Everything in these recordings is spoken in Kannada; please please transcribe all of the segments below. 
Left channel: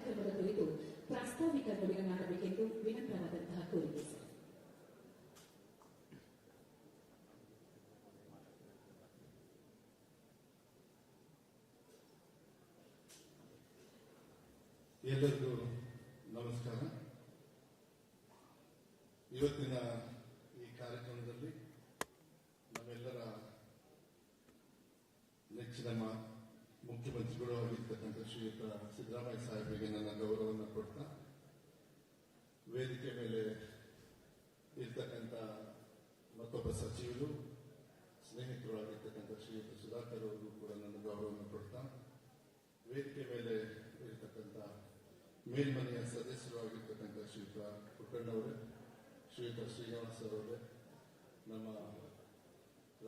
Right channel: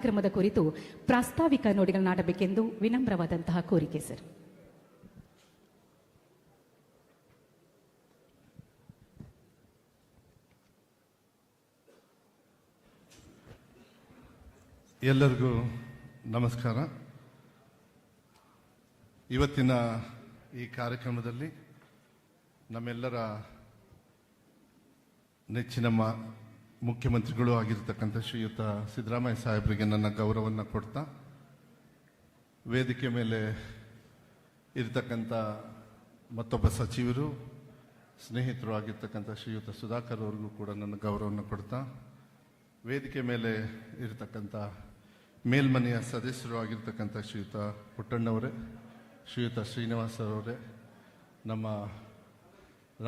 ಕಾರ್ಯಕ್ರಮದ ಕುರಿತು ಪ್ರಾಸ್ತಾವಿಕ ನುಡಿಗಳನ್ನಾಡಬೇಕೆಂದು ವಿನಮ್ರವಾದಂತಹ ಕೋರಿಕೆ ಸರ್. ಎಲ್ಲರಿಗೂ ನಮಸ್ಕಾರ. ಇವತ್ತಿನ ಈ ಕಾರ್ಯಕ್ರಮದಲ್ಲಿ ನಮ್ಮೆಲ್ಲರ ನೆಚ್ಚಿನ ಮುಖ್ಯಮಂತ್ರಿಗಳು ಆಗಿರ್ತಕ್ಕಂಥ ಶ್ರೀಯುತ ಸಿದ್ದರಾಮಯ್ಯ ಸಾಹೇಬರಿಗೆ ನನ್ನ ಗೌರವವನ್ನು ಕೊಡ್ತಾ, ವೇದಿಕೆ ಮೇಲೆ ಇರತಕ್ಕಂಥ ಮತ್ತೊಬ್ಬ ಸಚಿವರು ಸ್ನೇಹಿತರು ಆಗಿರ್ತಕ್ಕಂಥ ಶ್ರೀಯುತ ಸುಧಾಕರ್ ಅವರಿಗೂ ಕೂಡ ನನ್ನ ಗೌರವವನ್ನು ಕೊಡ್ತಾ, ವೇದಿಕೆ ಮೇಲೆ ಇರತಕ್ಕಂಥ ಮೇಲ್ಮನೆಯ ಸದಸ್ಯರು ಆಗಿರ್ತಕ್ಕಂಥ ಶ್ರೀಯುತ ಪುಟ್ಟಣ್ಣವರೇ, ಶ್ರೀಯುತ ಶ್ರೀನಿವಾಸ ಅವರೇ, ನಮ್ಮ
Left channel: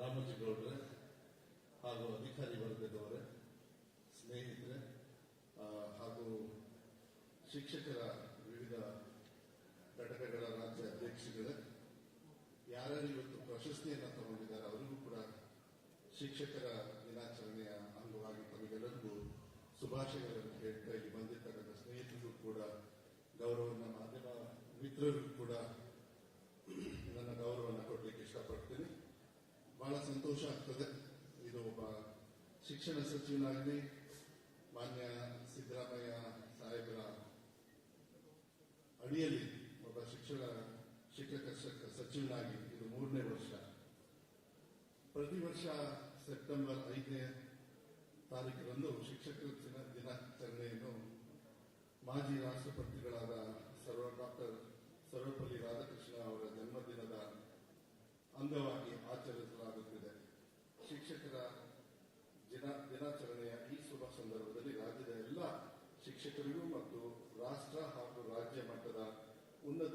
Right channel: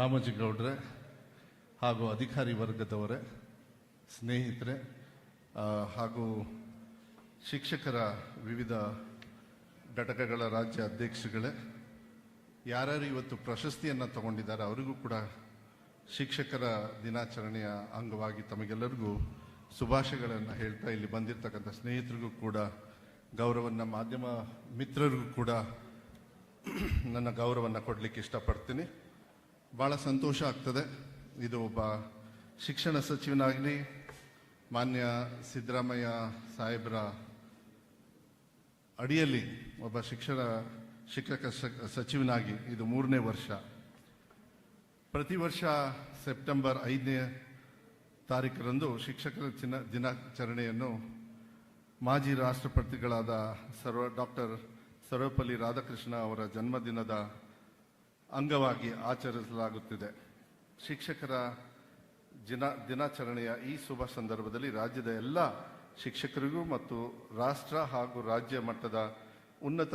ರಾಮೋಜಿಗೌಡ್ರೆ ಹಾಗೂ ಅಧಿಕಾರಿ ವರ್ಗದವರೇ, ಸ್ನೇಹಿತರೆ ಹಾಗೂ ಶಿಕ್ಷಕರ ವಿವಿಧ ಘಟಕಗಳ ರಾಜ್ಯ ಅಧ್ಯಕ್ಷಗಳೇ, ಯಾರ್ಯಾರು ಇವತ್ತು ಪ್ರಶಸ್ತಿಯನ್ನು ತಗೊಂಡಿದ್ದಾರೆ ಅವರಿಗೂ ಕೂಡ ಶಿಕ್ಷಕರ ದಿನಾಚರಣೆಯ ಅಂಗವಾಗಿ ತಮಗೆಲ್ಲರಿಗೂ ಶುಭಾಶಯಗಳನ್ನು ಹೇಳ್ತಾ, ಇಲ್ಲಿ ಬಂದಿರತಕ್ಕಂಥ ಸ್ನೇಹಿತರಿಗೂ ಕೂಡ ಗೌರವವನ್ನು, ಮಾಧ್ಯಮ ಮಿತ್ರರಿಗೂ ಕೂಡ ನನ್ನ ಗೌರವವನ್ನು ಕೊಡಲಿಕ್ಕೆ ಇಷ್ಟಪಡ್ತೀನಿ. ಭಾಳ ಸಂತೋಷ ಆಗ್ತದೆ. ಇದು ಒಬ್ಬ ಶಿಕ್ಷಣ ಸಚಿವನಾಗಿ ಮಾನ್ಯ ಸಿದ್ದರಾಮಯ್ಯ ಸಾಹೇಬರ ಅಡಿಯಲ್ಲಿ ಒಬ್ಬ ಶಿಕ್ಷಕ ಸಚಿವನಾಗಿ ಇದು 3ನೇ ವರ್ಷ. ಪ್ರತಿ ವರ್ಷ ಸೆಪ್ಟೆಂಬರ್ 5ನೇ ತಾರೀಕರಂದು ಶಿಕ್ಷಕರ ದಿನಾಚರಣೆಯನ್ನು ಮಾಜಿ ರಾಷ್ಟ್ರಪತಿಗಳಾದ ಡಾಕ್ಟರ್ ಸರ್ವಪಲ್ಲಿ ರಾಧಾಕೃಷ್ಣ ಅವರ ಜನ್ಮದಿನದ ಅಂಗವಾಗಿ ಆಚರಿಸಲಾಗುತ್ತಿದೆ. ಶಿಕ್ಷಕರ ದಿನಾಚರಣೆಯ ಈ ಶುಭ ಸಂದರ್ಭದಲ್ಲಿ ರಾಜ್ಯದ ಎಲ್ಲ ಶಿಕ್ಷಕರಿಗೂ ಮತ್ತು ರಾಷ್ಟ್ರ ಹಾಗೂ ರಾಜ್ಯ ಮಟ್ಟದ ಉನ್ನತ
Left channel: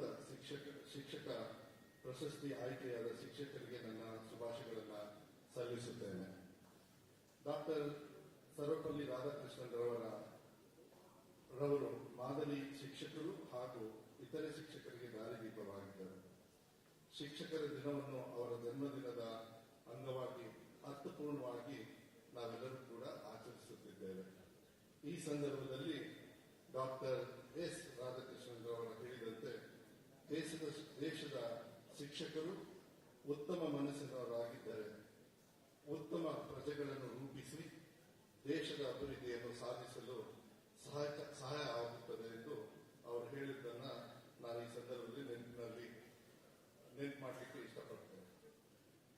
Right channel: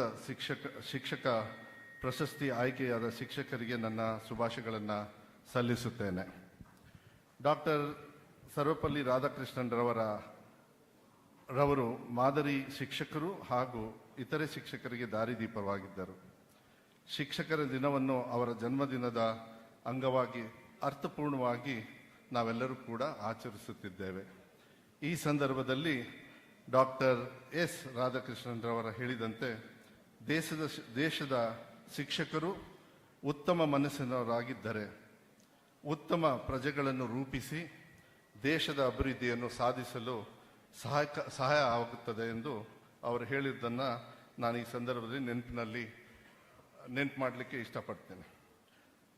ಶಿಕ್ಷಕ ಪ್ರಶಸ್ತಿ ಆಯ್ಕೆಯಾದ ಶಿಕ್ಷಕರಿಗೆ ನನ್ನ ಶುಭಾಶಯಗಳನ್ನು ಸಲ್ಲಿಸುತ್ತೇನೆ. ಡಾಕ್ಟರ್ ಸರ್ವಪಲ್ಲಿ ರಾಧಾಕೃಷ್ಣನ್ ರವರು ಮಾದರಿ ಶಿಕ್ಷಕರು ಹಾಗೂ ಇತರೆ ಶಿಕ್ಷಕರಿಗೆ ದಾರಿದೀಪವಾಗಿದ್ದರು. ಶಿಕ್ಷಕರ ದಿನವನ್ನು ಅವರ ಜನ್ಮದಿನದ ಅಂಗವಾಗಿ ಅರ್ಥಪೂರ್ಣವಾಗಿ ನಾವೆಲ್ಲರೂ ಕೂಡ ಆಚರಿಸುತ್ತಿದ್ದೇವೆ. ಈ ಸಂದರ್ಭದಲ್ಲಿ ಡಾಕ್ಟರ್ ಎಸ್ ರಾಧಾಕೃಷ್ಣನ್ ರವರ ಹೇಳಿದಂತೆ ದೇಶದ ಶಿಕ್ಷಕರು ಉತ್ತಮ ಮನಸ್ಸಿನವರಾಗಿದ್ದರೆ ಉತ್ತಮ ಪ್ರಜೆಗಳನ್ನು ರೂಪಿಸಿ ದೇಶದ ಅಭಿವೃದ್ಧಿಯನ್ನು ಸಾಧಿಸಲು ಸಹಾಯ ಆಗುತ್ತದೆ ಎಂದು ಅವರು ಹೇಳಿದ್ದನ್ನು ನಾನು ಈ ಸಂದರ್ಭದಲ್ಲಿ ನೆನಪು ಮಾಡಲಿಕ್ಕೆ ಇಷ್ಟಪಡ್ತೇನೆ.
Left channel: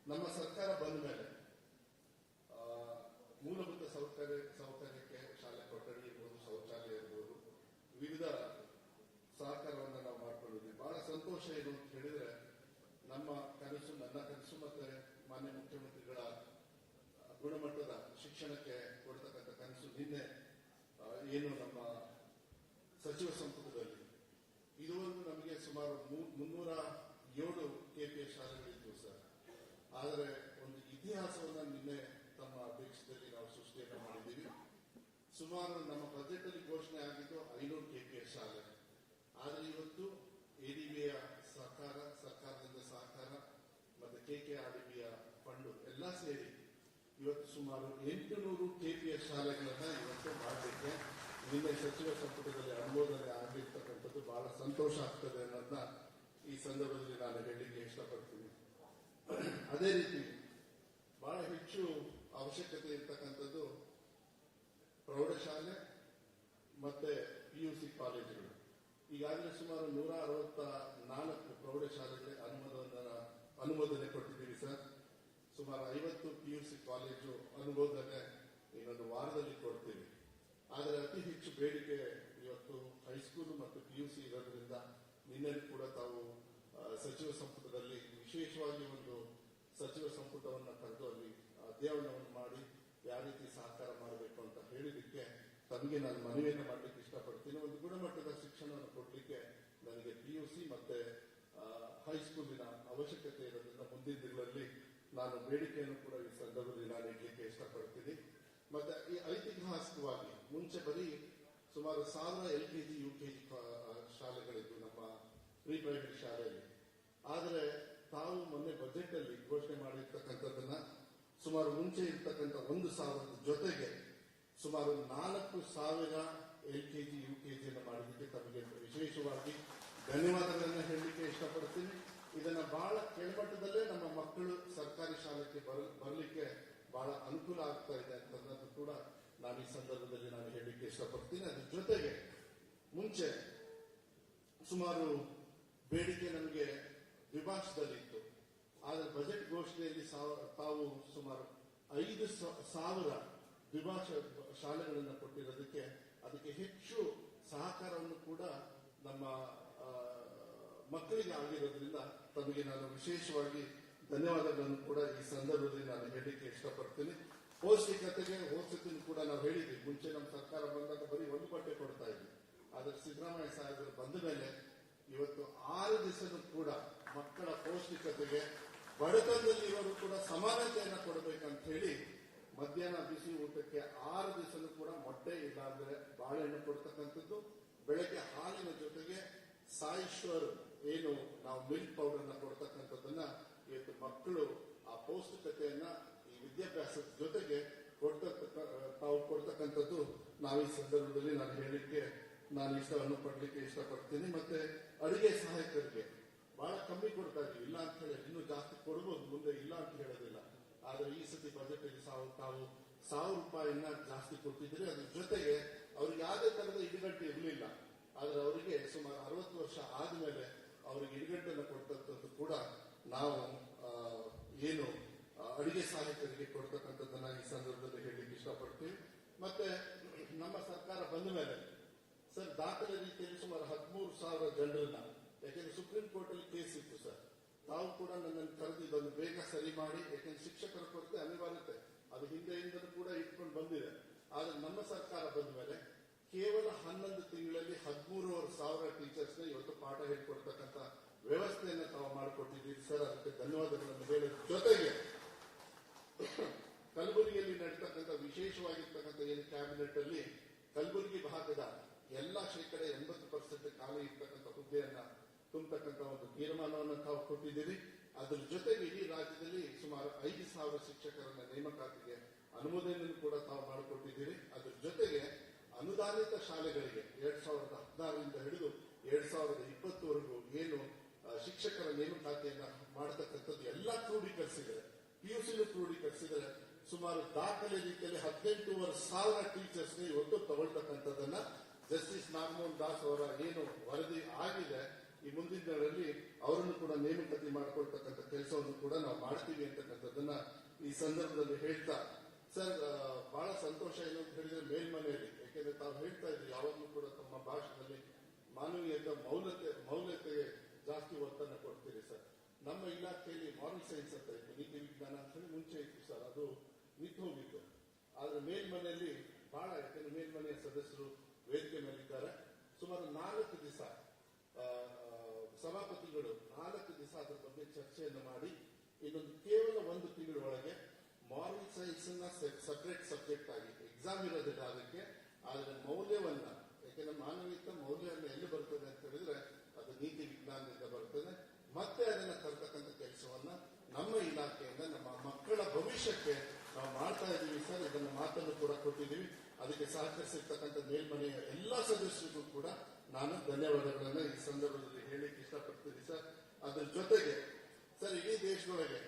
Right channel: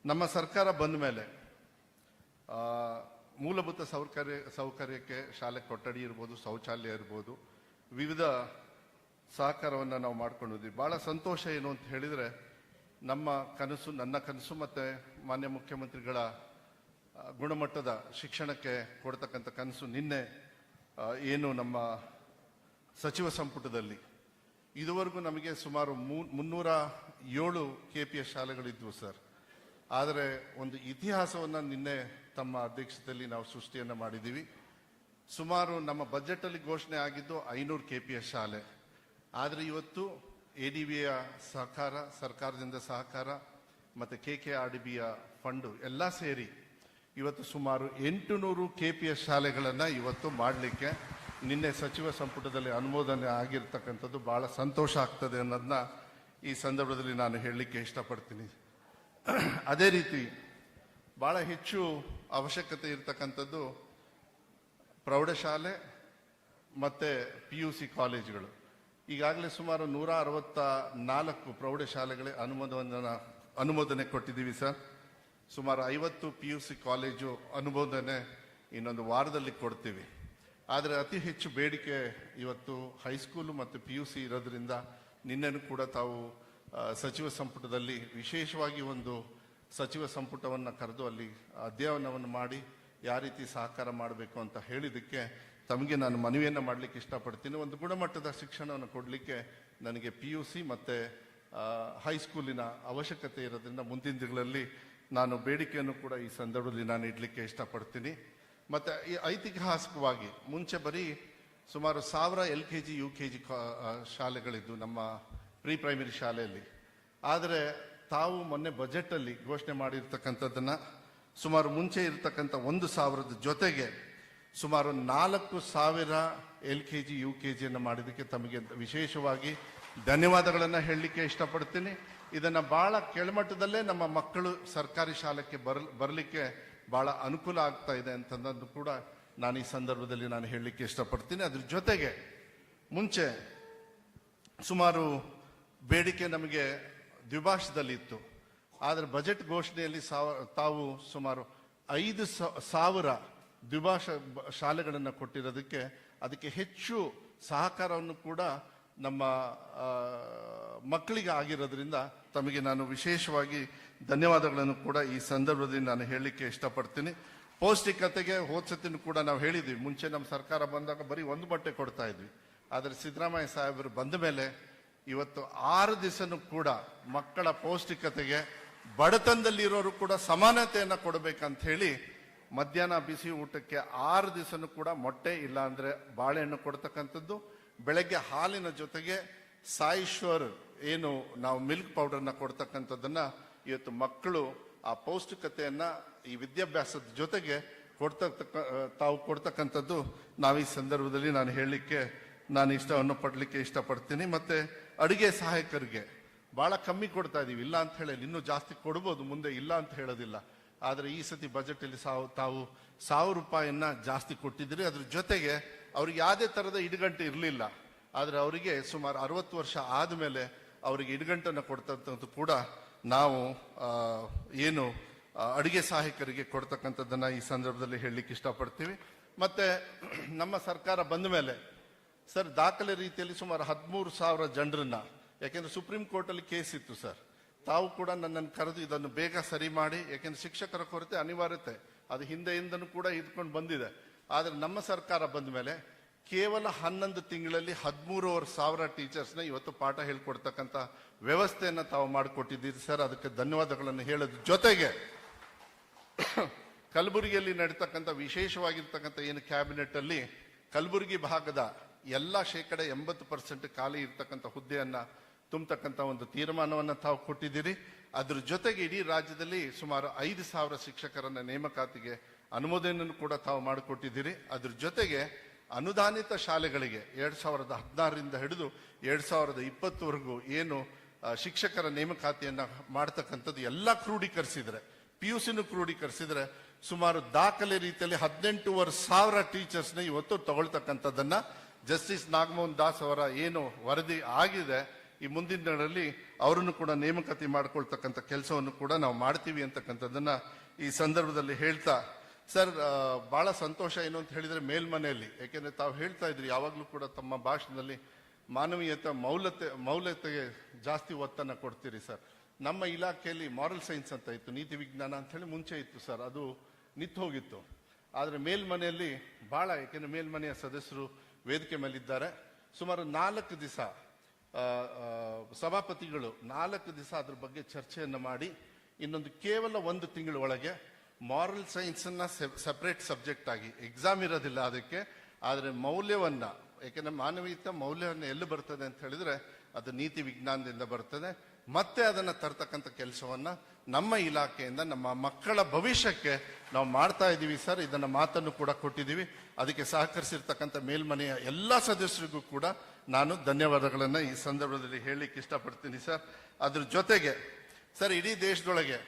ನಮ್ಮ ಸರ್ಕಾರ ಬಂದ ಮೇಲೆ ಮೂಲಭೂತ ಸೌಕರ್ಯಕ್ಕೆ ಶಾಲೆ ಕೊಠಡಿ ಇರ್ಬೋದು, ಶೌಚಾಲಯ ಇರ್ಬೋದು, ವಿವಿಧ ಸಹಕಾರವನ್ನು ನಾವು ಮಾಡ್ಕೊಂಡಿದ್ವಿ. ಭಾಳ ಸಂತೋಷ ಏನು ಅಂತ ಹೇಳಿದರೆ, ನನ್ನ ಕನಸು ಮತ್ತು ಮಾನ್ಯ ಮುಖ್ಯಮಂತ್ರಿಗಳ ಗುಣಮಟ್ಟದ ಶಿಕ್ಷಣಕ್ಕೆ ಕೊಡ್ತಕ್ಕಂಥ ಕನಸು ನಿನ್ನೆ ಏನು ನಮ್ಮ ಸಚಿವ ಸಂಪುಟದಲ್ಲಿ ಇದುವರೆಗೂ ನಮಗೆ ಸುಮಾರು 307 KPS ಶಾಲೆಗಳಿದ್ವು ಸರ್. ಆದರೆ ಒಂದು ಇತಿಹಾಸವನ್ನು ನಿನ್ನೆ ತಮ್ಮ ಅಧ್ಯಕ್ಷತೆಯಲ್ಲಿ ನಾವು ಸೃಷ್ಟಿಯನ್ನು ಮಾಡಿದ್ದೀವಿ. ಸುಮಾರು ನಮ್ಮ ಬಜೆಟಲ್ಲಿ ಘೋಷಣೆ ಆಗಿದ್ದು 500 KPS ಶಾಲೆ. ಆದರೆ ಇವತ್ತು ADBಯ ಸಹಕಾರ, ಸರ್ಕಾರದಿಂದ ಸಹಕಾರ ಮತ್ತು KKRDBಯ ಫಂಡು ಎಲ್ಲ ಸೇರಿ ಇವತ್ತು ಸುಮಾರು 800 KPS ಶಾಲೆಗಳನ್ನು ಇವತ್ತು ಮಾಡಲಿಕ್ಕೆ ನಿನ್ನೆ ಸಚಿವ ಸಂಪುಟದಲ್ಲಿ ಅನುಮೋದನೆ ಆಗಿರ್ತಕ್ಕಂಥದ್ದು ಭಾಳ ಸಂತೋಷ ಆಗ್ತದೆ ಅನ್ನೋದನ್ನ ಈ ಸಂದರ್ಭದಲ್ಲಿ ನಾನು ಹೇಳಲಿಕ್ಕೆ ಇಷ್ಟಪಡ್ತೀನಿ. ಅದೇ ರೀತಿ ಭಾಳ ಹೆಚ್ಚು ಅವಶ್ಯಕತೆ ಇರತಕ್ಕಂಥದ್ದು ಪ್ರೌಢಶಾಲೆ ಮತ್ತು PUC ಕಾಲೇಜುಗಳು. ಈಗಾಗಲೇ ಸುಮಾರು 164 ಪ್ರೌಢಶಾಲೆಗಳೇ ಅನುಮೋದನೆ ಕೊಟ್ಟಿದ್ದೀವಿ ಸರ್. ಸುಮಾರು 50 PUC ಕಾಲೇಜು ಅನುಮೋದನೆ ಇನ್ನೊಂದು ವಾರದಲ್ಲಿ ಕೊಡ್ತೀವಿ. ಆದರೆ ಅತಿ ಹೆಚ್ಚು ಬೇಡಿಕೆ ಇವತ್ತು ಹೈಸ್ಕೂಲು ಮತ್ತು PUC ಇರೋದ್ರಿಂದ ನಿನ್ನೆನೂ ಕೂಡ ತಾವು ಸಚಿವ ಸಂಪುಟದಲ್ಲಿ ವಿಶೇಷವಾಗಿ ಒಂದು ಸಚಿವ ಸಂಪುಟವನ್ನು ಕರೆದು ಅಲ್ಲಿ ಅಧ್ಯಯನವನ್ನು ಮಾಡಿ ಯಾವ ರೀತಿ ಸಹಕಾರ ಮಾಡಬೇಕು ಅಂತ ಹೇಳಿದ್ದಕ್ಕೆ ತಮಗೆ ನಾನು ಮನವಿಯನ್ನು ಮಾಡಲಿಕ್ಕೆ ಇಷ್ಟಪಡ್ತೀನಿ. ಒಂದು ಗುಣಮಟ್ಟದ ಶಿಕ್ಷಣವನ್ನು ಕೊಡಲಿಕ್ಕೆ ನನಗೆ PUC ಮತ್ತು ಹೈಸ್ಕೂಲಿನ ಅವಶ್ಯಕತೆ ಇರೋದ್ರಿಂದ ಮುಂದಿನ ದಿನಗಳಲ್ಲಿ ನಾನು ಬೇಡಿಕೆಯನ್ನು ಕೂಡ ಈ ಸಂದರ್ಭದಲ್ಲಿ ನಾನು ಇಡಲಿಕ್ಕೆ ಇಷ್ಟಪಡ್ತೀನಿ. ಮತ್ತು ಈ ಐತಿಹಾಸಿಕವಾಗಿ ಮುಂಚೆ ಬರೀ ಸುಮಾರು 1000 LKG UKG ಶಾಲೆಗಳಿದ್ದು ನಮ್ಮ ಪ್ರೈಮರಿ ಶಾಲೆಯಲ್ಲಿ. ಆದರೆ ತಾವು ಮೊನ್ನೆ ಬಜೆಟಲ್ಲಿ ಘೋಷಣೆ ಮಾಡಿರ್ತಕ್ಕಂಥದ್ದನ್ನು ಸುಮಾರು ಮುಂಚೆ ಇರತಕ್ಕಂಥ 1000 ಜೊತೆಗೆ ಸುಮಾರು 4000 LKG UKG ಅನ್ನು ಮಾಡಿದ್ದಕ್ಕೆ ತಮಗೆ ವಿಶೇಷವಾಗಿ ಧನ್ಯವಾದಗಳನ್ನು ಹೇಳಲಿಕ್ಕೆ ಇಷ್ಟಪಡ್ತೀನಿ. ಇದನ್ನ ಬಹಳ ಕೆಳಮಟ್ಟದಲ್ಲೇ ನಮ್ಮ ಮಕ್ಕಳು ಸರ್ಕಾರಿ ಶಾಲೆಗೆ ಬರಲಿಕ್ಕೆ ಬಹಳ ಅನುಕೂಲ ಆಗ್ತಾ ಇದೆ ಅಂತಂದು ಕೂಡ ನಾನು ಈ ಸಂದರ್ಭದಲ್ಲಿ ನಾನು ಹೇಳಲಿಕ್ಕೆ ಇಷ್ಟಪಡ್ತೀನಿ. ಅದ್ರ ಜೊತೆಗೆ ಮುಂಚೆ ಸುಮಾರು ಬೇಡಿಕೆ ನಮಗೆ ದ್ವಿಭಾಷದಲ್ಲಿ ಇತ್ತು. ಆದರೆ ಬಜೆಟ್ ಘೋಷಣೆಯಲ್ಲಿ ತಾವು ಸುಮಾರು 5,000 ದ್ವಿಭಾಷಾ ಶಾಲೆಗಳನ್ನು ಕೊಟ್ಟಿರೋದಕ್ಕೆ ಅದಕ್ಕೆ ಹೆಚ್ಚು ಸಹಕಾರವನ್ನು ಕೂಡ ನಮ್ಮ ಮಕ್ಕಳಿಗೆ ಆಗಿರೋದ್ರಿಂದ ತಮಗೆ ನಾನು ವಿಶೇಷವಾಗಿ ಧನ್ಯವಾದಗಳನ್ನು ಕೂಡ ಈ ಸಂದರ್ಭದಲ್ಲಿ ನಾನು ಹೇಳಲಿಕ್ಕೆ ಇಷ್ಟಪಡ್ತೀನಿ. ಪೌಷ್ಟಿಕತೆಗೆ ಹೋದ್ಸತಿನೂ ಕೂಡ ನಾವು ಹೇಳಿದ್ವಿ. ಮುಂಚೆ ನಮ್ಮ ಸರ್ಕಾರ ಬಂದಾಗ ಬರೀ ಒಂದು ಬಟ್ಟೆ ಕೊಡ್ತಾ ಇದ್ವಿ. ಆದರೆ ಸಿದ್ದರಾಮಯ್ಯ ಸಾಹೇಬರು ಬಂದ ಮೇಲೆ ಇವತ್ತು 6 ದಿವಸನೂ ಕೂಡ ಮಕ್ಕಳ ಪೌಷ್ಟಿಕತೆಗೆ ಬಡತನದಲ್ಲಿ ಇರೋರು ಕೂಡ ಸಮಾನತೆಯನ್ನು ಕೊಡಬೇಕಂತ ಹೇಳಿ ಮಧ್ಯಾಹ್ನ ಬಿಸಿ ಊಟಕ್ಕೆ 6 ದಿವಸನೂ ಕೂಡ ಮೊಟ್ಟೆ ಇಲ್ಲ ಅಂದ್ರೆ ಬಾಳೆಹಣ್ಣು ಕೊಡ್ತಕ್ಕಂಥದ್ದು, ಬೆಳಗ್ಗೆ ಹಾಲಿನ ಜೊತೆಗೆ ಸಾಯಿಶ್ವರ್ ಏನು ನಾವು ಮಿಲ್ಕ್ ಪೌಡರ್ನ ಕೊಡ್ತಕ್ಕಂಥದ್ದನ್ನ ಇವತ್ತು ಮಕ್ಕಳು ಆ ಪೌಷ್ಟಿಕತೆಯನ್ನ ಈ ವಿದ್ಯಾಭ್ಯಾಸದ ಜೊತೆಗೆ ತಾವು ಕೊಡ್ತಕ್ಕಂಥದ್ದು ನಾವು ಈ ಸಂದರ್ಭದಲ್ಲಿ ನಾನು ಹೇಳಲಿಕ್ಕೆ ನಾನು ಇಷ್ಟವನ್ನು ಪಡಲಿಕ್ಕೆ ಇಷ್ಟಪಡ್ತೀನಿ. ಮತ್ತೆ ಅಡುಗೆ ಸಹಾಯಕರಿಗೆ ಬಹಳ ಕಮ್ಮಿ ಕೊಡ್ತಾ ಇದೀವಿ, ಇಲ್ಲ ಅಂತ ಹೇಳಿ ಇನ್ನೂ ಜಾಸ್ತಿ ಕೊಡ್ಬೋದು, ಮುಂದೆ ಇಲ್ಲ ಅಂತ ಹೇಳೋದಿಲ್ಲ. ಆದರೆ ಈ ಸತಿ ಬಜೆಟ್ ಅಲ್ಲಿ ತಾವು 1,000 ರೂಪಾಯಿಯನ್ನ ಜಾಸ್ತಿ ಕೊಟ್ಟಿದ್ದೀರಿ. ಅದ್ರ ಜೊತೆಗೆ ಅವ್ರಿಗೆ ಯಾವುದೇ ತರದ ಇಡುಗಂಟು ಇರಲಿಲ್ಲ. ಆದ್ರೆ ಅವರಿಗೆ ಸುಮಾರು 60 ವರ್ಷ ಆದ್ಮೇಲೆ ಅವರಿಗೆ ಇಡುಗಂಟನ್ನು ಕೊಡ್ತಕ್ಕಂಥದ್ದು ಕೂಡ ನಾವು ಏನು ಅಡುಗೆ ಸಹಾಯಕರಿಗೆ ಕೊಡ್ತಕ್ಕಂಥದ್ದನ್ನ ಈ ಸಂದರ್ಭದಲ್ಲಿ ಹೇಳಲಿಕ್ಕೆ ಇಷ್ಟಪಡ್ತೀವಿ. ಮತ್ತೆ ನಮ್ಮ ಸರ್ಕಾರ ಬಂದ ಮೇಲೆ ಸರ್ ದಾಖಲೆ ರೀತಿಯಲ್ಲಿ ಸುಮಾರು 13,000 ಜನರನ್ನ, ಯಾಕೆಂದ್ರೆ ಸುಪ್ರೀಂ ಕೋರ್ಟ್ ಅಲ್ಲಿ ಕೇಸ್ ಇತ್ತು ಸರ್, ತಾವು ಕೂಡ ನನ್ನನ್ನು ಕರೆದು ಇದನ್ನು ಬೇಗ ಸರಿ ಮಾಡಿ, ಯಾಕೆಂದ್ರೆ ಶಿಕ್ಷಕರ ಕೊರತೆ ಅನಿವಾರ್ಯತೆ ಅದು ಹಿಂದೆಯಿಂದನೂ ಕೂಡ ಇದ್ಕೊಂಡು ಬಂದಿದೆ. ಆದ್ರೆ ನಮ್ಮ ಸರ್ಕಾರ ಬಂದ ಮೇಲೆ ಕೇವಲ 11 ತಿಂಗಳಲ್ಲಿ 13,500 ಟೀಚರ್ಸ್ನ ಇವತ್ತು ಪಾಠ ಹೇಳ್ಕೊಡ್ತಕ್ಕಂಥ ವ್ಯವಸ್ಥೆಯನ್ನು ತಾವು ಮಾಡಿಕೊಟ್ಟಿದ್ದೀರಿ ಸರ್. ಅದಕ್ಕೆ ಧನ್ಯವಾದಗಳನ್ನು ಹೇಳೋದ್ರ ಜೊತೆಗೆ ಕಲಬುರಗಿಯಲ್ಲಿ ನಡೀತಕ್ಕಂಥ ವಿಶೇಷವಾಗಿರ್ತಕ್ಕಂಥ ಏನು ಕ್ಯಾಬಿನೆಟ್ ಅಲ್ಲಿ ಕಲಬುರಗಿ ಭಾಗದ ಎಲ್ಲ 80% ಖಾಲಿ ಇರ್ತಕ್ಕಂಥ ಹುದ್ದೆಯನ್ನ ತುಂಬತಕ್ಕಂಥ ಒಂದು ತೀರ್ಮಾನವನ್ನ ತಾವು ಕೊಟ್ಟಿದ್ದೀರಿ. ಅದ್ರ ಜೊತೆಗೆ ಇಡೀ ರಾಜ್ಯದಲ್ಲಿ ಸುಮಾರು 5,000 ಶಿಕ್ಷಕರನ್ನ ನೇಮಕಾತಿಗೆ ಅನುಮೋದನೆಯನ್ನು ಕೂಡ ತಾವು ಮಾಡಿಕೊಟ್ಟಿದ್ದೀರಿ. ಅದ್ರ ಜೊತೆಗೆ ಅನುದಾನಿತ ಶಾಲೆಗಳಿಗೆ 2016ರಿಂದ ಹಿಡಿದು 2020ವರೆಗೂ ಏನು ಶಿಕ್ಷಕರ ನೇಮಕಾತಿಯನ್ನ ಮಾಡ್ತಕ್ಕಂಥದ್ದು ಎಲ್ಲ ಕ್ರೋಢೀಕರಿಸಿದ್ರೆ, PUCನೂ ಕ್ರೋಢೀಕರಿಸಿದ್ರೆ ಸುಮಾರು ದಾಖಲೆ ರೀತಿಯಲ್ಲಿ 18,500 ಟೀಚರ್ಸ್ನ ಇವತ್ತು ತಗೊಳ್ತಕ್ಕಂಥದ್ದನ್ನ ಜಸ್ಟಿಸ್ ನಾಗಮೋಹನ್ ದಾಸ್ ಅವರ ಏನು ವರದಿ ಆಗಿದೆ, ಈ ಮುಂದಿನ ದಿನಗಳಲ್ಲಿ ಅವರನ್ನು ಕೂಡ ನೇಮಕಾತಿ ಮಾಡ್ಕೊಳ್ತಕ್ಕಂಥ ಕೆಲಸವನ್ನು ಕೂಡ ನಾವು ಮಾಡ್ತೀವಿ ಅಂತಕ್ಕಂಥದ್ದನ್ನ ಈ ಸಂದರ್ಭದಲ್ಲಿ ಹೇಳ್ತಾ, ಸರ್ ಬಹಳ ಸಂತೋಷ ಏನು ಅಂತ ಹೇಳಿದ್ರೆ ಮೇಲ್ಮನೆಯಲ್ಲಿ, ಯಾಕೆಂದ್ರೆ ತಾವು ಹೇಳ್ತಾ ಇದ್ರಿ ಯಾವಾಗ್ಲೂ ಕೂಡ ತಮ್ಮ ಭಾಷಣದಲ್ಲಿ ಮಾನವೀಯತೆ ಮೌಲ್ಯತೆಗೆ ಜಾಸ್ತಿ ಒತ್ತನ್ನು ಕೊಡ್ತೀರಿ ಸರ್. ನಮ್ಮ ಇಲಾಖೆಯಲ್ಲಿ ಮಾರಲ್ ಸೈನ್ಸ್ ಅಂತ ಇತ್ತು, ನೀತಿ ವಿಜ್ಞಾನ ಅಂತ ಹೇಳಿ ಮುಂಚೆ ಇತ್ತು ಸರ್, ಅದು ನಿಂತು ಹೋಗಿತ್ತು. ಆದ್ರೆ ಮೇಲ್ಮನೆಯಲ್ಲಿ ಬಹಳ, ಯಾಕೆಂದ್ರೆ ಮೇಲ್ಮನೆಯ ಸದಸ್ಯರು ವೇದಿಕೆ ಮೇಲಿದ್ದಾರೆ, ಸುಮಾರು 4 ದಿವಸ ಸಭಾಪತಿಗಳು 4 ದಿವಸ ಅದ್ರ ಬಗ್ಗೆ ಚರ್ಚೆಯನ್ನು ಮಾಡಿ ಇನ್ನೊಂದು ಕೇವಲ 1 ತಿಂಗಳ ಒಳಗೆ ಮಾರಲ್ ಸೈನ್ಸ್ ಅನ್ನ ಸೆಪರೇಟ್ ಸಬ್ಜೆಕ್ಟ್ ಆಗಿ, ಎಕ್ಸಾಮ್ ಇರೋದಿಲ್ಲ ಅದಕ್ಕೆ, ಆದ್ರೆ ಮೌಲ್ಯವನ್ನ, ಯಾಕೆಂದ್ರೆ ಮಾನವೀಯತೆ ಮೌಲ್ಯವನ್ನ ಎಲ್ಲಿ ಬರ್ತದೆ ಅಂತ ಹೇಳಿದ್ರೆ ಅದು ನೀತಿ ವಿಜ್ಞಾನದಿಂದ ಬರ್ತದೆ. ಮತ್ತೆ ಅದನ್ನ ತರ್ತಕ್ಕಂಥ ಕೆಲಸವನ್ನ ನಮ್ಮ ಇಲಾಖೆಯಿಂದ ನಮ್ಮ ಮಕ್ಕಳ ಭವಿಷ್ಯಕ್ಕೆ ನಾವು ಮಾಡ್ತಾ ಇದ್ದೀವಿ ಸರ್. ಇದನ್ನ ಮಾತನ್ನು ಕೂಡ ಕೊಟ್ಟಿದ್ದೀವಿ. ಅದಕ್ಕೆ ಸಹಕರಿಸಿರ್ತಕ್ಕಂಥ ಮೇಲ್ಮನೆಯ ಎಲ್ಲ ಸದಸ್ಯರಿಗೂ ಕೂಡ ನಾನು ಧನ್ಯವಾದಗಳನ್ನ ಈ ಸಂದರ್ಭದಲ್ಲಿ ಹೇಳಲಿಕ್ಕೆ ಇಷ್ಟಪಡ್ತೀನಿ ಸರ್. ಅದ್ರ ಜೊತೆಗೆ ಸರ್ ಇಡೀ ದೇಶದೊಳಗೆ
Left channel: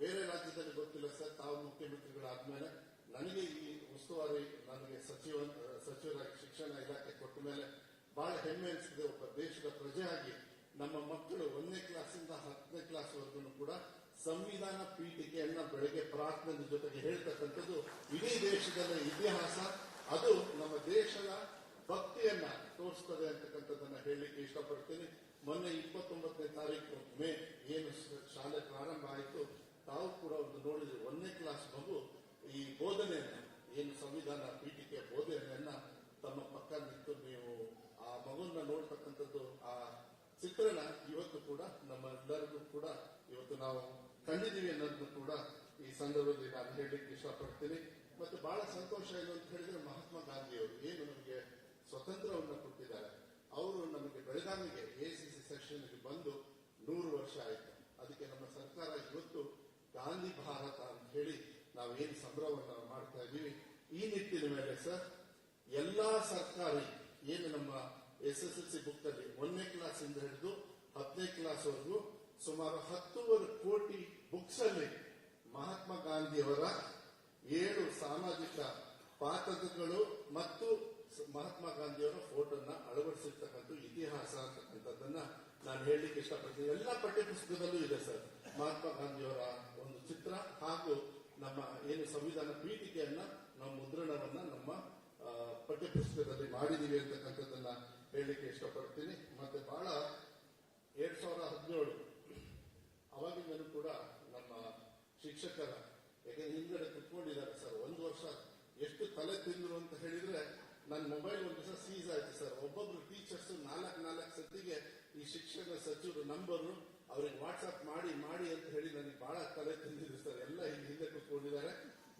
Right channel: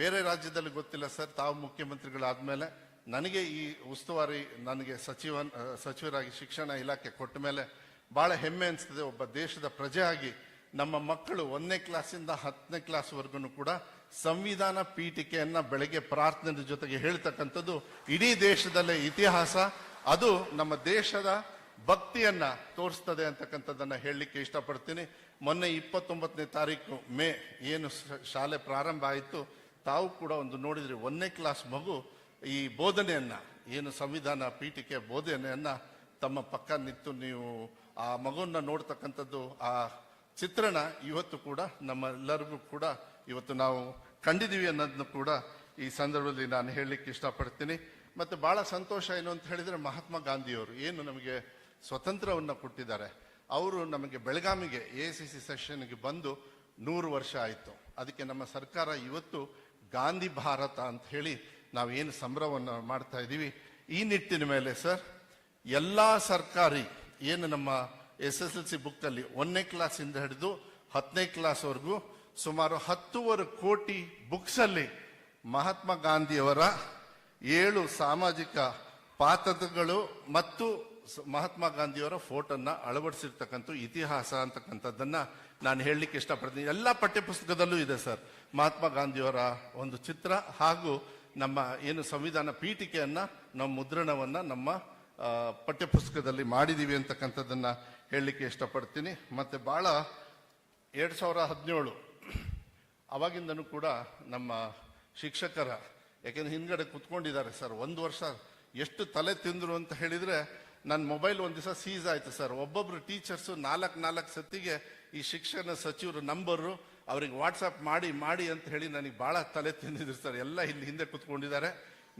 ಬೇರೆ ರಾಜ್ಯದಲ್ಲಿ ಗೊತ್ತಿಲ್ಲ ಸರ್, ತಾವು ಮುಖ್ಯಮಂತ್ರಿಗಳಾದ್ಮೇಲೆ ನನಗೆ ಈ ಉಸ್ತುವಾರಿ ನನಗೆ ಸಚಿವರಾಗಿ ಶಿಕ್ಷಣ ಇಲಾಖೆ ಕೊಟ್ಟ ಮೇಲೆ ಬಹಳ ಹೆಮ್ಮೆ ಅನಿಸ್ತದೆ. ಒಬ್ಬ ದೇಶದ ಪ್ರಜೆ ಆಗಿ ನಮ್ಮ ಮಕ್ಕಳು 1ನೇ ಕ್ಲಾಸಿಂದ 10ನೇ ಕ್ಲಾಸ್ವರೆಗೂ ಕೂಡ ಸಂವಿಧಾನ ಪೀಠಿಕೆಯನ್ನ ಬೆಳಗ್ಗೆ ಪ್ರಾರ್ಥನೆ ಜೊತೆಗೆ ಹೇಳ್ತಕ್ಕಂಥದ್ದು ಇಡೀ ದೇಶದಲ್ಲೇ ಇತಿಹಾಸ. ಅದು ನಮ್ಮ ದೇಶದ ಭಕ್ತಿಯನ್ನ ತೋರಿಸ್ತದೆ ಅಂತಕ್ಕಂಥದ್ದನ್ನ ಹೇಳಲಿಕ್ಕೆ ಇಷ್ಟಪಡ್ತೀನಿ. ಮೊನ್ನೆ 29ನೇ ತಾರೀಕು ಮೇ ಏನು ಶಾಲೆ ಪ್ರಾರಂಭ ಆಯಿತು, ತಾವು ಕೂಡ ಒಂದು ನೋಡಿದ್ರಿ, 1ನೇ ಕ್ಲಾಸ್ ಮಗು ಈ ಬೋಧನೆಯನ್ನ, ಏನು ಸಂವಿಧಾನ ಪೀಠಿಕೆ ಬೋಧನೆಯನ್ನ ತಮ್ಮ ಪಕ್ಕ ನಿಂತು ನೀವು ಆ ಮಗುವನ್ನ ನೋಡ್ತಕ್ಕಂಥದ್ದು, ಆ ಚಿತ್ರಣ ಇವತ್ತು ಕೂಡ ನಮ್ಮೆಲ್ಲರಿಗೂ ಕೂಡ ಇವತ್ತು ನಾವು ಕಂಡಿದ್ದೀವಿ ಅನ್ನೋದನ್ನು ಕೂಡ ಈ ಸಂದರ್ಭದಲ್ಲಿ ನಾನು ಹೇಳಲಿಕ್ಕೆ ಇಷ್ಟಪಡ್ತೀನಿ. ಮತ್ತೆ ಬಹಳ ಸಂತೋಷ ಏನು ಅಂತ ಹೇಳಿದ್ರೆ, ಮಹಾತ್ಮ ಗಾಂಧಿಯವರು ಏನು ನಮಗೆ ಸ್ವತಂತ್ರವನ್ನು ಕೊಟ್ಟಿದ್ದಾರೆ, ಅವರು ನಮಗೆ ಬೆಳಗಾವಿಗೆ AICC ಸೆಷನ್ಗೆ ಬಂದು 100 ವರ್ಷ ಆಯಿತು. ಅದಕ್ಕೆ ನಮ್ಮ ಸರ್ಕಾರ ಇವತ್ತು ಗಾಂಧಿ ಭಾರತ ಅಂತ ಹೇಳಿ ನಾವೇನು ಸಂಭ್ರಮವನ್ನು ಮಾಡ್ತಾ ಇದ್ದೀವಿ. ಈ ನಿಟ್ಟಿನ ಮೇಲೆ ಸರ್ ಎಲ್ಲ ಸರ್ಕಾರಿ ಏನು ನಮ್ಮ SSLC ಬುಕ್ಕಲ್ಲಿ 1ನೇ ಕ್ಲಾಸಿಂದ ಹಿಡಿದು 10ನೇ ಕ್ಲಾಸ್ವರೆಗೂ ಸುಮಾರು 10.25 ಕೋಟಿ ಬುಕ್ಸಲ್ಲಿ ಮಹಾತ್ಮ ಗಾಂಧಿಯವರ 7 ಸಾಮಾಜಿಕ ಪಾತ್ರಗಳು ಮತ್ತು ಮಹಾತ್ಮ ಗಾಂಧಿಯವರ ಫೋಟೋನ ಅಳವಡಿಸಿರ್ತಕ್ಕಂಥ ಇತಿಹಾಸ ಅಂತಕ್ಕಂಥದ್ದನ್ನ ನಾನು ಹೇಳಲಿಕ್ಕೆ ಇಷ್ಟಪಡ್ತೀನಿ. ಎಲ್ಲ ಪಠ್ಯಪುಸ್ತಕದಲ್ಲೂ ಇದೆ ಸರ್ ಮಹಾತ್ಮ ಗಾಂಧಿಯವರ ಒಂದು ಚಿತ್ರ, ಹಾಗೂ ನಮ್ಮ ಏನು ಸಂವಿಧಾನ ಪೀಠಿಕೆಯನ್ನ ನಮ್ಮ ಮುದ್ರಣವನ್ನ ನಮ್ಮ ಪಠ್ಯಪುಸ್ತಕದಲ್ಲಿ ಮಾಡಿದೀವಿ ಅಂತಕ್ಕಂಥದ್ದನ್ನ ಹೇಳಲಿಕ್ಕೆ ಇಷ್ಟಪಡ್ತೀನಿ. ಮತ್ತೆ ಬಹಳ 2017 ಅವಾಗಿಂದನೂ ಕೂಡ ನಮ್ಮ ಶಿಕ್ಷಕರ, ಯಾಕೆಂದ್ರೆ ಹಿಂದ್ಗಡೆ ಕುತ್ಕೊಂಡಿದ್ದಾರೆ ಸರ್, 1 ವರ್ಷ ಎಷ್ಟು ತಲೆ ತಿಂದ್ರು ಅಂತ ಹೇಳಿದ್ರೆ, ನನ್ನ ಮೊಬೈಲ್ ಒಂದು ದಿವಸ ಸೀಸ್ ಆಯ್ತು ಸರ್. ಒಬ್ಬೊಬ್ರು ಟೀಚರ್ಸು 4 ಸತಿಗೆ ಈ ಶಿಕ್ಷಣ ಸಚಿವರು ನಂಬರು ಅವ್ರಿಗೆ ವಾಟ್ಸಪ್ ಮಾಡಿ ಅಂತ ಹೇಳಿ ನನಗೆ ಬಹಳ ತಲೆ ತಿಂದಿದ್ರು ಸರ್. ಎಲ್ಲ ಇಲ್ಲಿ ಹಿಂದೆ ಕುತ್ಕೊಂಡಿದ್ದಾರೆ.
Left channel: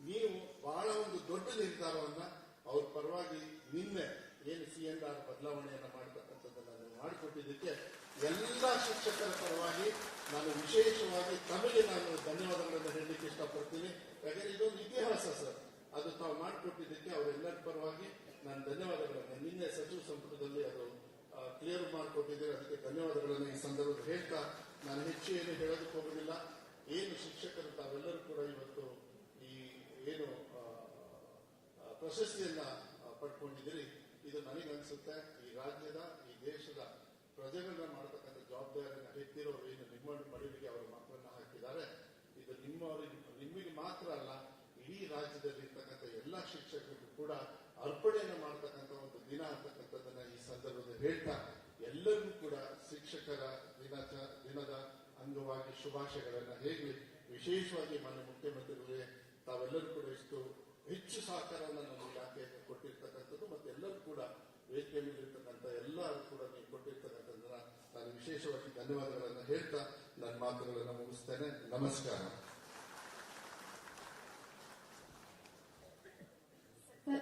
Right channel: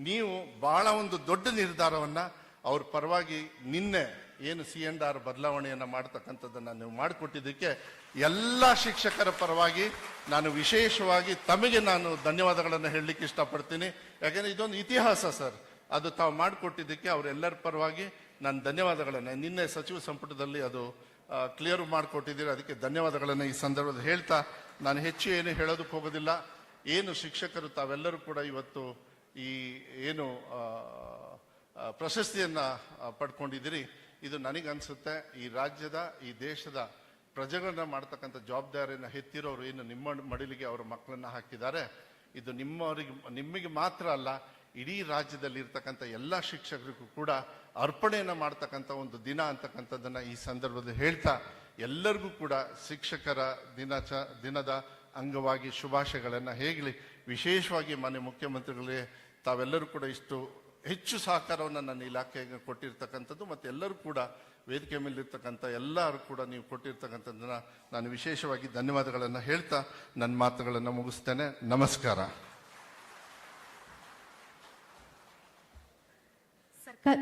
ನೀವು ಬಹಳ ಒಂದು ದೊಡ್ಡ ನಿರ್ಧಾರವನ್ನ ಅವ್ರ ಪರವಾಗಿ ನಿನ್ನೆ ಏನು C&R ಬದಲಾವಣೆಯನ್ನ ಮಾಡ್ತಕ್ಕಂಥದ್ದನ್ನ ನೀವು ಮಾಡಿಕೊಟ್ಟಿದ್ದಕ್ಕೆ ಎಲ್ಲ ಶಿಕ್ಷಕರ ಪರವಾಗಿ ನಾನು ವಿಶೇಷವಾಗಿ ತಮಗೆ ನಾನು ಧನ್ಯವಾದಗಳನ್ನು ಹೇಳಲಿಕ್ಕೆ ಇಷ್ಟಪಡ್ತೀನಿ. ಯಾಕೆಂದ್ರೆ ಇದೊಂದು ಇತಿಹಾಸ ಸರ್, ಅದು ತಾವು ಮಾಡಿಕೊಟ್ಟಿದ್ದಕ್ಕೆ ಅವರೆಲ್ಲರ ಪರವಾಗಿ ನಾನು ಧನ್ಯವಾದಗಳನ್ನು, ನಿನ್ನೆ ಸಚಿವ ಸಂಪುಟದಲ್ಲಿ ಅದು ಕ್ಲಿಯರ್ ಮಾಡಿಕೊಟ್ಟಿದ್ದೀರಿ, ಅದಕ್ಕೆ ಧನ್ಯವಾದಗಳನ್ನು ಈ ಸಂದರ್ಭದಲ್ಲಿ ಹೇಳ್ತಾ ನಾನು ಹೆಚ್ಚು ಏನು ಹೇಳೋದಕ್ಕೆ ಹೋಗೋದಿಲ್ಲ. ಏನು ಶಿಕ್ಷಕರು ತಾವೆಲ್ಲರೂ ಕೂಡ ಇವತ್ತು ಈ ಏನು ಪ್ರಶಸ್ತಿಯನ್ನ ಪಡ್ಕೊಂಡಿದ್ದೀರಿ, ಇದು ನನಗನ್ಸುತ್ತೆ ಈ ರಾಜ್ಯದ ಈ ದೇಶದ ಪ್ರಜೆಗಳನ್ನ ಮಾಡ್ತಕ್ಕಂಥ ಜವಾಬ್ದಾರಿಯನ್ನು ಹೆತ್ತಿರೋರು ಏನು ನಿಮ್ಮ ಮಡಿಲಿಗೆ ಅವರ ಮಕ್ಕಳನ್ನ ಹಾಕಿದ್ದಾರೆ, ಇದು ನಿಮಗೆ ಮಾತ್ರ ಅಲ್ಲ, ಇಡೀ ರಾಜ್ಯದಲ್ಲಿ ಇರ್ತಕ್ಕಂಥ ಎಲ್ಲ ಶಿಕ್ಷಕರಿಗೂ ಕೂಡ ಅರ್ಪಣೆಯನ್ನ ಮಾಡ್ತಕ್ಕಂಥ ಒಂದು ದಿನ ಅಂತಕ್ಕಂಥದ್ದನ್ನ ಈ ಸಂದರ್ಭದಲ್ಲಿ ಹೇಳ್ತಾ ಎಲ್ಲರಿಗೂ ಕೂಡ ಶಿಕ್ಷಕರ ದಿನದ ಅಂಗವಾಗಿ ಶುಭಾಶಯಗಳನ್ನ ಹೇಗಲಿ. ವಿಶೇಷವಾಗಿ ಮಾನ್ಯ ಮುಖ್ಯಮಂತ್ರಿಗಳೇ ತಾವೆಲ್ಲರೂ ಕೂಡ ಇಷ್ಟು ಹೆಚ್ಚು ಸಹಕಾರವನ್ನು ನನ್ನ ಇಲಾಖೆಗೆ ಕೊಟ್ಟಿರ್ತಕ್ಕಂಥದ್ದು, ಮತ್ತೆ ಎಲ್ಲರೂ ಕೂಡ ವೇದಿಕೆ ಮೇಲಿರ್ತಕ್ಕಂಥ ಎಲ್ಲರೂ ಕೂಡ ನೀವು ಕೊಟ್ಟಿರ್ತಕ್ಕಂಥದ್ದನ್ನ ನಾನು ವಿಶೇಷವಾಗಿ ಧನ್ಯವಾದಗಳನ್ನು ಹೇಳ್ತಾ ನನ್ನ ಮಾತುಗಳನ್ನು ಮುಗಿಸ್ತೇನೆ. ನಮಸ್ಕಾರ. ಸರ್ಕಾರ